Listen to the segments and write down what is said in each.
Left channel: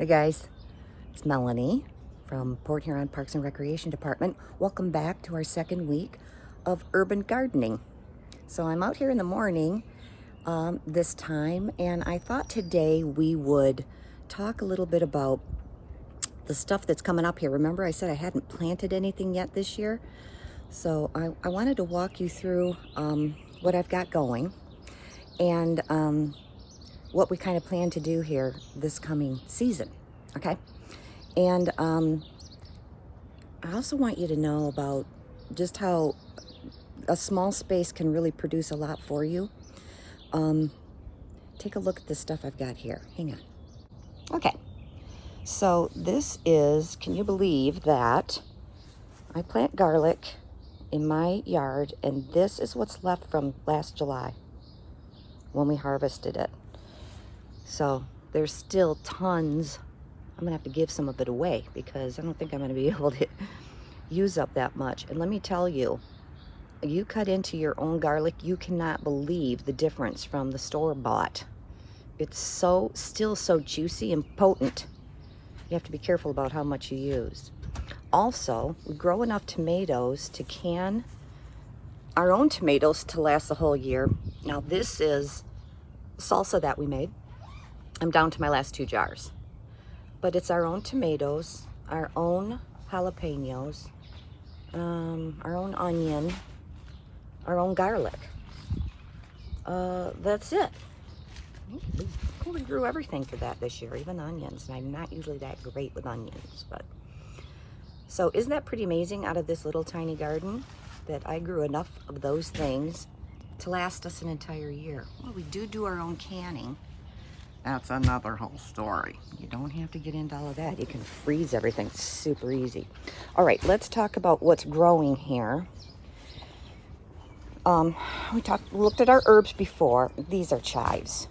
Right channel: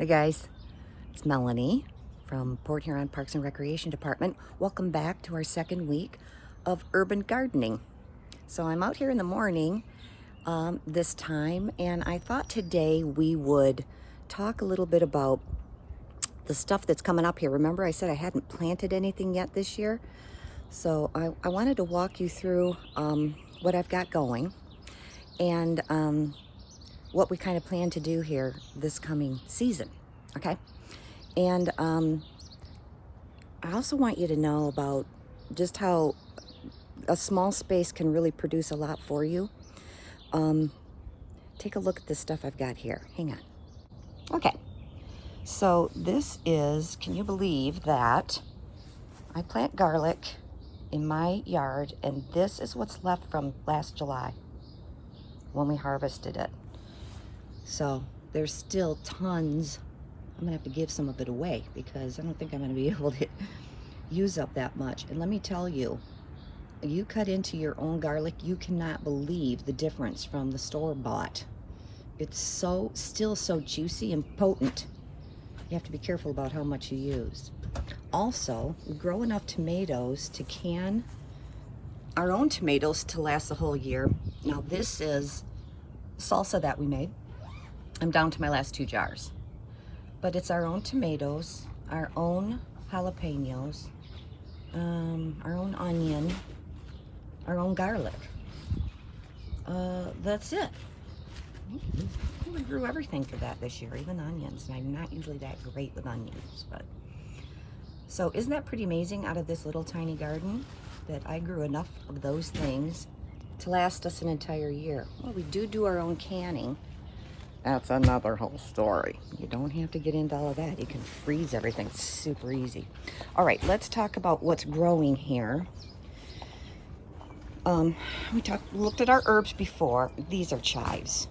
Hey guys, it's Melanie from Port Huron Parks and Recreation Department. Welcome back to our second week of urban gardening. So I'm out here in the morning this time, and I thought today we would talk a little bit about the stuff that's coming up here. Remember I said I hadn't planted anything yet this year? So I wanted to walk you through what I've got going and what we kind of plan to do here this coming season, okay? And I also want you to know about just how a small space can really produce a lot for you. Take a look at the stuff I've got here. Hang on. Okay, so this is, can you believe that I plant garlic in my yard, and this is what's left from last July when we harvested it. So there's still tons. I'm gonna have to give some of it away because I don't think I'm gonna be able to use up that much. And let me tell you, you cut into your own garlic, you cannot believe the difference from the store-bought. It's still so juicy and potent. You have to be careful about how much you use. Also, we grow enough tomatoes to can our own tomatoes to last the whole year. Now this is salsa that we made. I'm down to my last 2 jars. But it's our own tomatoes, our own jalapenos, our own onion, our own garlic. That's it. We grew everything for that this year, even onions. And I'm not usually that great with onions, but. So isn't that pretty amazing out of this little tiny garden that I grew enough of those things to last us an entire year? Well, we do our own canning. That's another whole story. You don't have to get into all of that. You can freeze everything super easy. All right, let's talk about what's growing here. We looked at our herbs before. These are chives.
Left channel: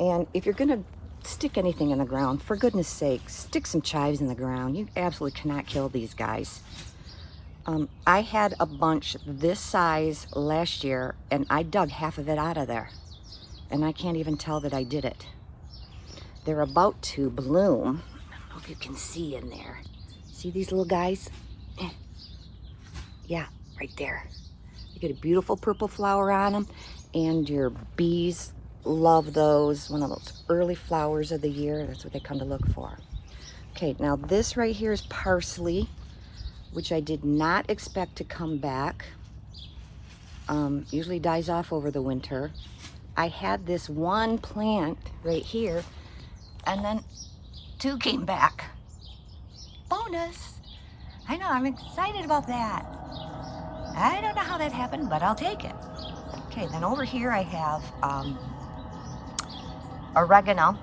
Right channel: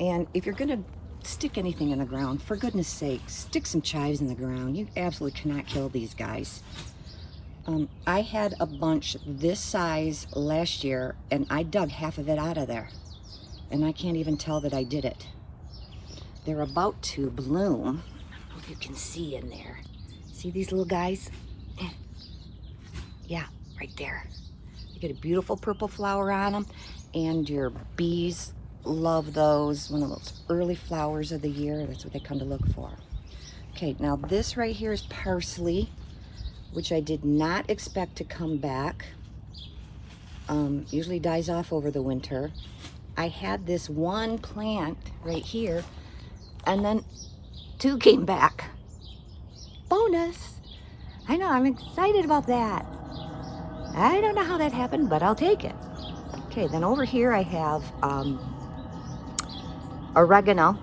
And if you're gonna stick anything in the ground, for goodness sake, stick some chives in the ground. You absolutely cannot kill these guys. I had a bunch this size last year, and I dug half of it out of there. And I can't even tell that I did it. They're about to bloom. I don't know if you can see in there. See these little guys? Yeah, right there. You get a beautiful purple flower on them, and your bees love those. One of those early flowers of the year. That's what they come to look for. Okay, now this right here is parsley, which I did not expect to come back. Usually dies off over the winter. I had this one plant right here, and then 2 came back. Bonus! I know, I'm excited about that. I don't know how that happened, but I'll take it. Okay, then over here I have oregano.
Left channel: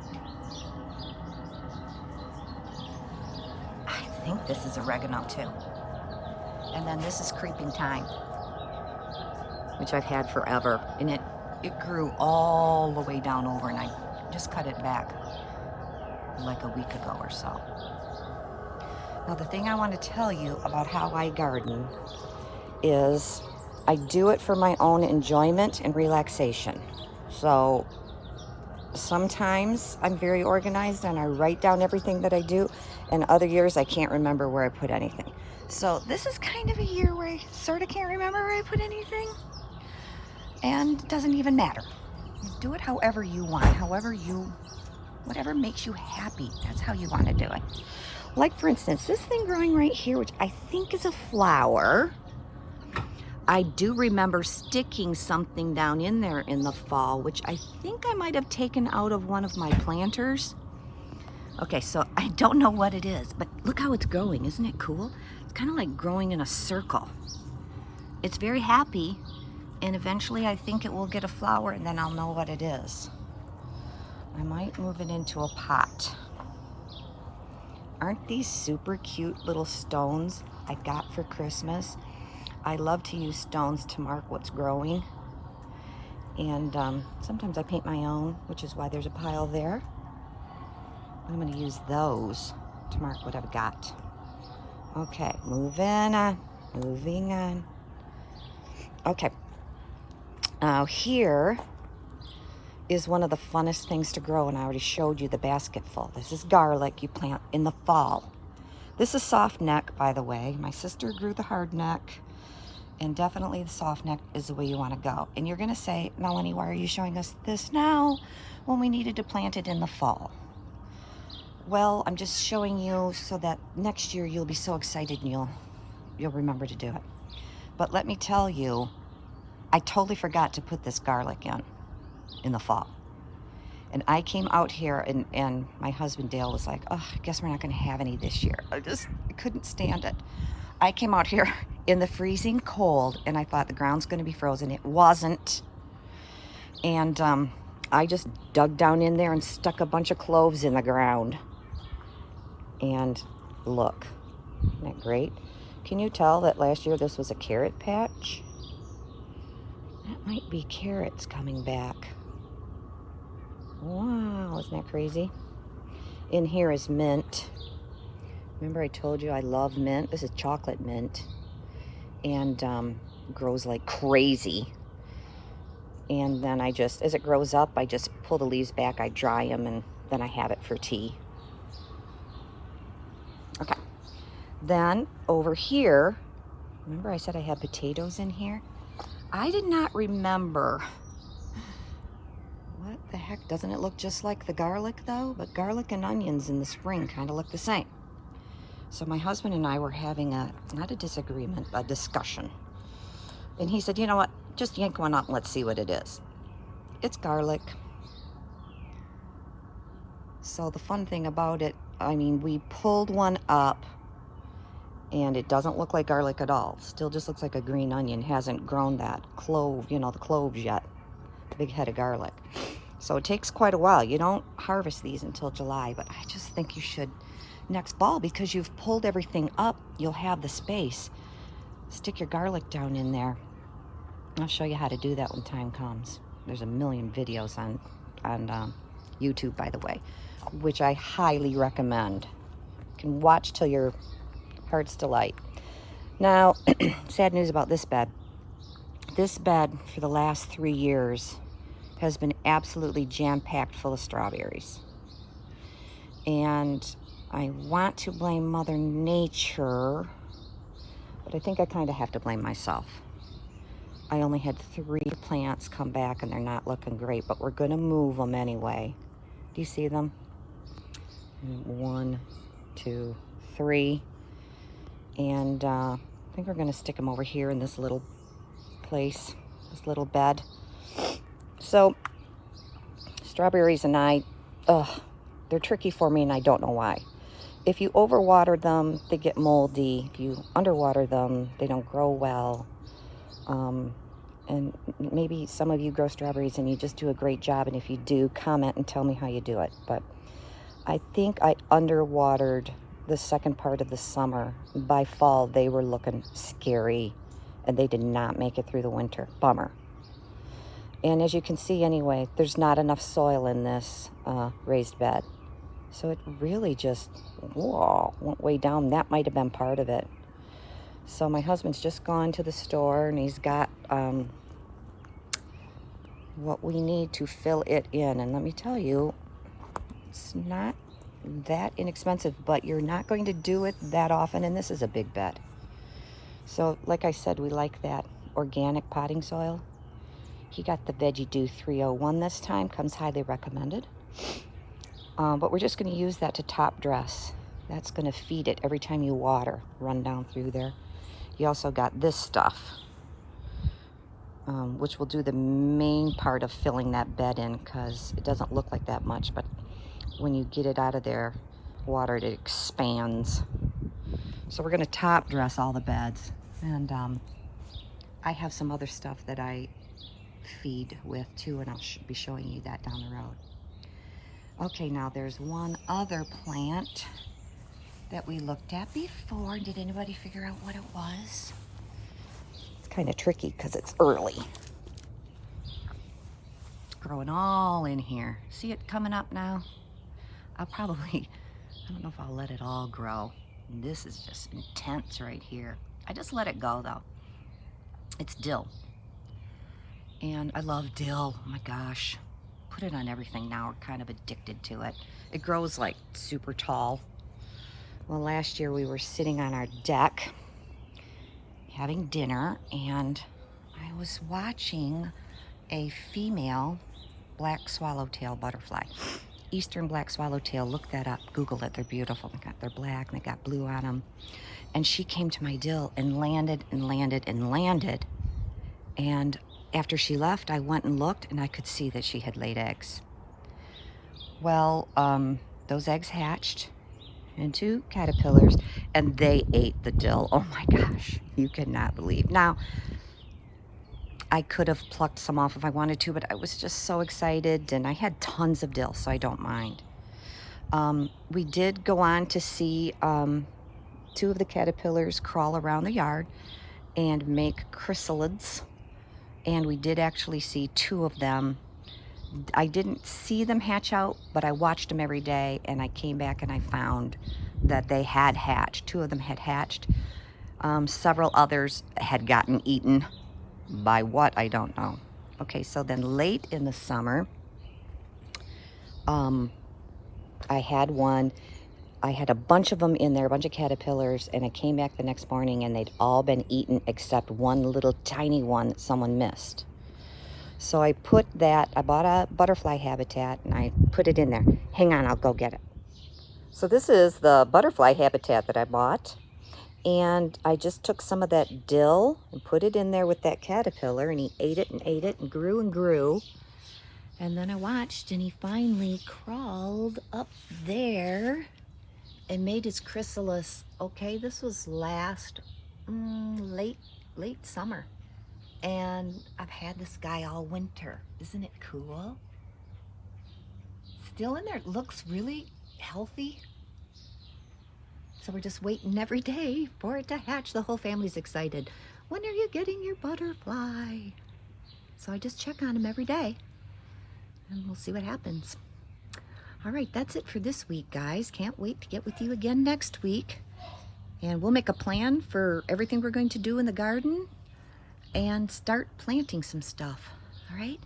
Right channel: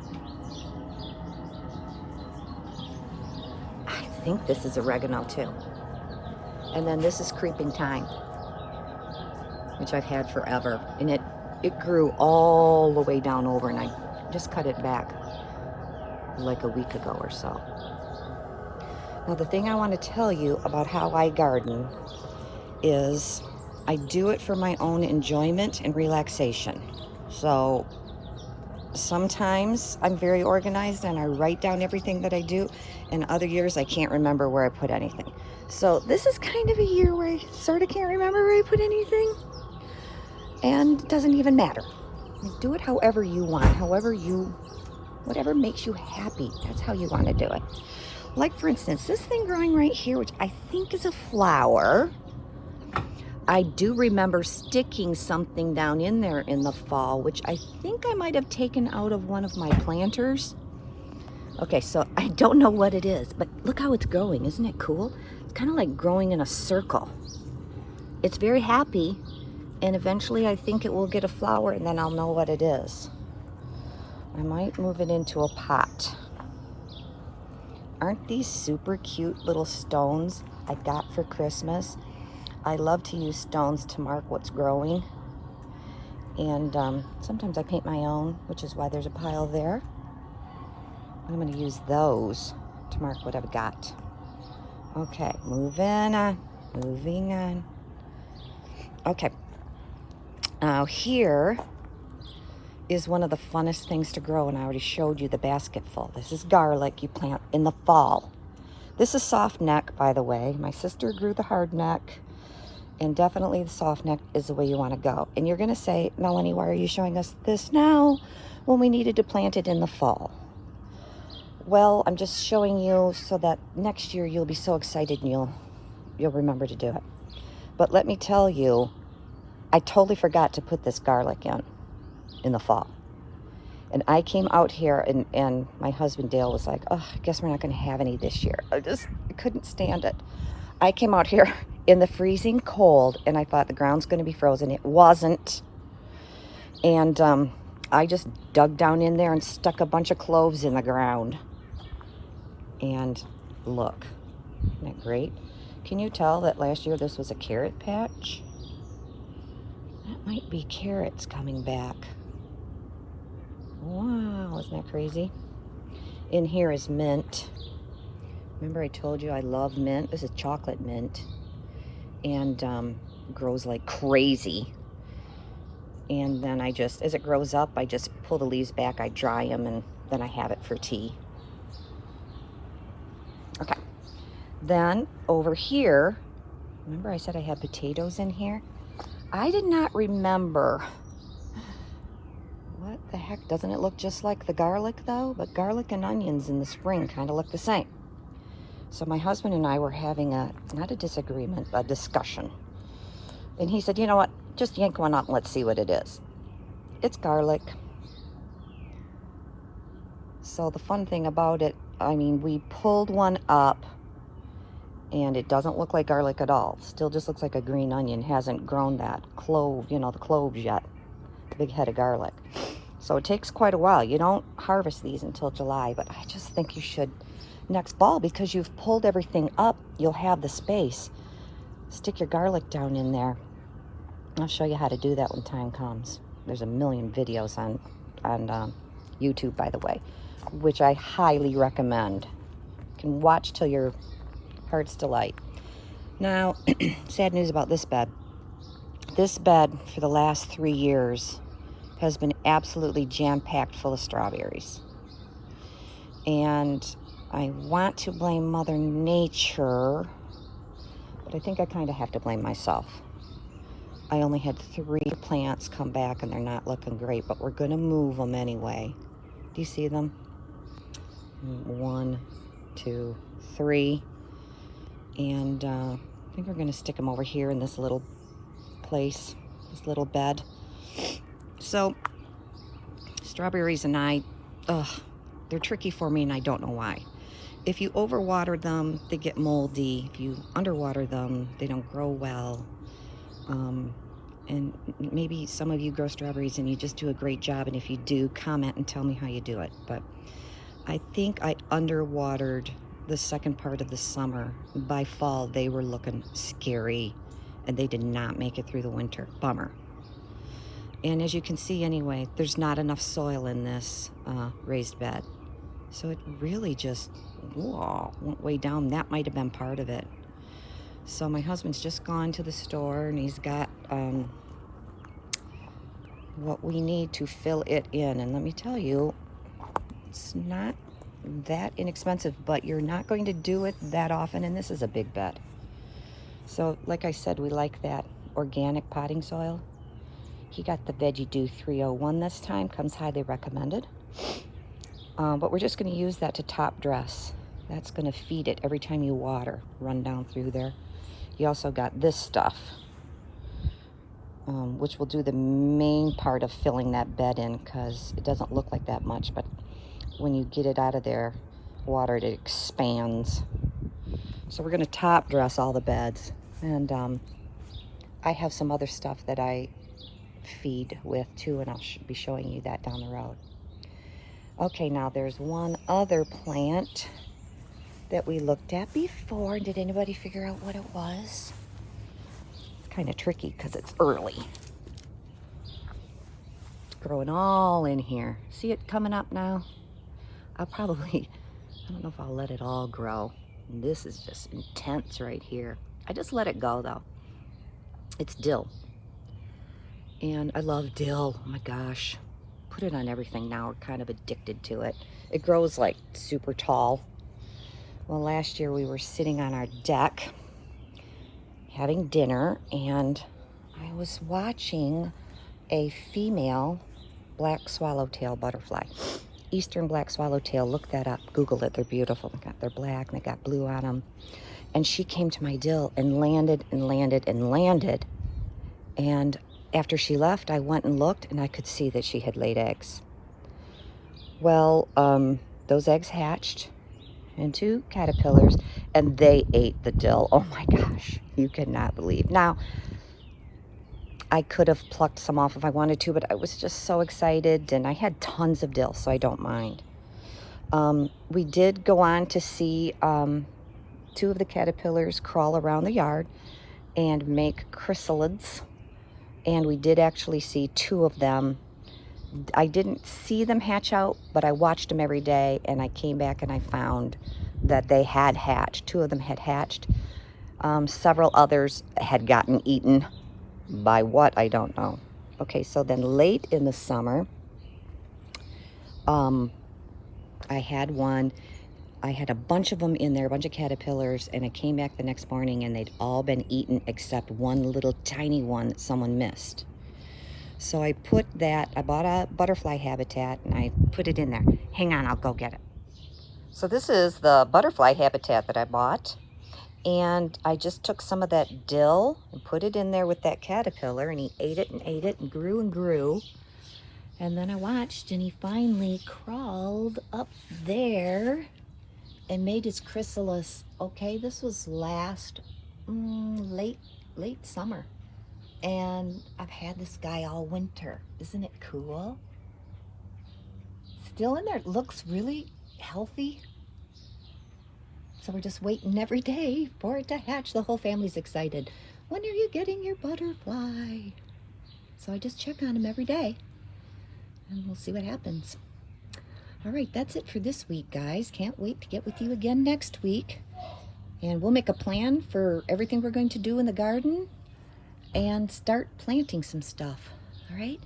I think this is oregano too. And then this is creeping thyme, which I've had forever. And it grew all the way down over, and I just cut it back like a week ago or so. Now the thing I want to tell you about how I garden is I do it for my own enjoyment and relaxation. So sometimes I'm very organized and I write down everything that I do, and other years I can't remember where I put anything. So this is kind of a year where I sort of can't remember where I put anything. And it doesn't even matter. Do it however you want, whatever makes you happy. That's how you want to do it. Like for instance, this thing growing right here, which I think is a flower. I do remember sticking something down in there in the fall, which I think I might have taken out of one of my planters. Okay, so I don't know what it is, but look how it's growing. Isn't it cool? It's kind of like growing in a circle. It's very happy. And eventually I think it will get a flower, and then I'll know what it is. I might move it into a pot. Aren't these super cute little stones I got for Christmas? I love to use stones to mark what's growing. And sometimes I paint my own, which is why there's a pile there. I'm going to use those to mark what I've got. Okay, moving on. Okay. Now here is one of the funnest things to grow, and I already showed you the basket full. This is garlic you plant in the fall. This is soft neck, by the way. My sister grew the hard neck, and definitely the soft neck is the way you want to go. And you're going to say, Melanie, why are you showing us this now when we needed to plant it in the fall? Well, I'm just showing you so that next year you'll be so excited and you'll remember to do it. But let me tell you, I totally forgot to put this garlic in the fall. And I came out here, and my husband Dale was like, oh, I guess we're not going to have any this year. I couldn't stand it. I came out here in the freezing cold, and I thought the ground's going to be frozen. It wasn't. And I just dug down in there and stuck a bunch of cloves in the ground. And look, isn't that great? Can you tell that last year this was a carrot patch? That might be carrots coming back. Wow, isn't that crazy? In here is mint. Remember I told you I love mint? This is chocolate mint. And grows like crazy. And then I just, as it grows up, I just pull the leaves back, I dry them, and then I have it for tea. Okay. Then over here, remember I said I had potatoes in here? I did not remember. What the heck? Doesn't it look just like the garlic though? But garlic and onions in the spring kind of look the same. So my husband and I were having not a disagreement, a discussion. And he said, you know what? Just yank one up and let's see what it is. It's garlic. So the fun thing about it, I mean, we pulled one up and it doesn't look like garlic at all. Still just looks like a green onion. Hasn't grown that clove, you know, the cloves yet. Big head of garlic. So it takes quite a while. You don't harvest these until July, but I just think you should next fall, because you've pulled everything up. You'll have the space. Stick your garlic down in there. I'll show you how to do that when time comes. There's a million videos on YouTube, by the way, which I highly recommend. You can watch till your heart's delight. Now, sad news about this bed. This bed for the last 3 years has been absolutely jam-packed full of strawberries. And I want to blame Mother Nature, but I think I kind of have to blame myself. I only had 3 plants come back and they're not looking great, but we're going to move them anyway. Do you see them? 1, 2, 3. And I think we're going to stick them over here in this little place, this little bed. So strawberries and they're tricky for me, and I don't know why. If you overwater them, they get moldy. If you underwater them, they don't grow well. And maybe some of you grow strawberries and you just do a great job, and if you do, comment and tell me how you do it. But I think I underwatered the second part of the summer. By fall, they were looking scary, and they did not make it through the winter. Bummer. And as you can see anyway, there's not enough soil in this raised bed. So it really just went way down. That might have been part of it. So my husband's just gone to the store, and he's got what we need to fill it in. And let me tell you, it's not that inexpensive, but you're not going to do it that often, and this is a big bed. So like I said, we like that organic potting soil. He got the Veggie Dew 301 this time, comes highly recommended. But we're just going to use that to top dress. That's going to feed it every time you water, run down through there. You also got this stuff, which will do the main part of filling that bed in, because it doesn't look like that much, but when you get it out of there, watered, it expands. So we're going to top dress all the beds. And I have some other stuff that I feed with too, and I'll be showing you that down the road. Okay, now there's one other plant that we looked at before. Did anybody figure out what it was? It's kind of tricky because it's early. It's growing all in here. See it coming up now? I don't know if I'll let it all grow. This is just intense right here. I just let it go though. It's dill. And I love dill. Oh my gosh. put it on everything now. We're kind of addicted to it. It grows like super tall. Well, last year we were sitting on our deck having dinner, and I was watching a female black swallowtail butterfly. Eastern black swallowtail, look that up, Google it, they're beautiful. They're black and they got blue on them. And she came to my dill and landed and landed and landed. And after she left, I went and looked, and I could see that she had laid eggs. Well, those eggs hatched into caterpillars, and they ate the dill. Oh my gosh, you cannot believe. Now, I could have plucked some off if I wanted to, but I was just so excited, and I had tons of dill, so I don't mind. We did go on to see 2 of the caterpillars crawl around the yard and make chrysalids, and we did actually see 2 of them. I didn't see them hatch out, but I watched them every day, and I came back and I found that they had hatched. 2 of them had hatched. Several others had gotten eaten. By what, I don't know. Okay, so then late in the summer, I had a bunch of them in there, a bunch of caterpillars, and I came back the next morning and they'd all been eaten except one little tiny one that someone missed. So I bought a butterfly habitat, and I put it in there. Hang on, I'll go get it. So this is the butterfly habitat that I bought. And I just took some of that dill and put it in there with that caterpillar, and he ate it and ate it and grew and grew. And then I watched, and he finally crawled up there and made his chrysalis. Okay, this was late summer. And I've had this guy all winter. Isn't it cool? Still in there. It looks really healthy. So we're just waiting every day for it to hatch. The whole family's excited. When are you getting your butterfly? So I just check on him every day, and we'll see what happens. All right, that's it for this week, guys. Can't wait to get with you again next week. And we'll make a plan for everything we're going to do in the garden and start planting some stuff. All right?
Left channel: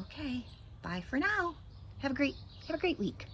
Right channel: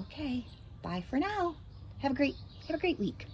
Okay, bye for now. Have a great week.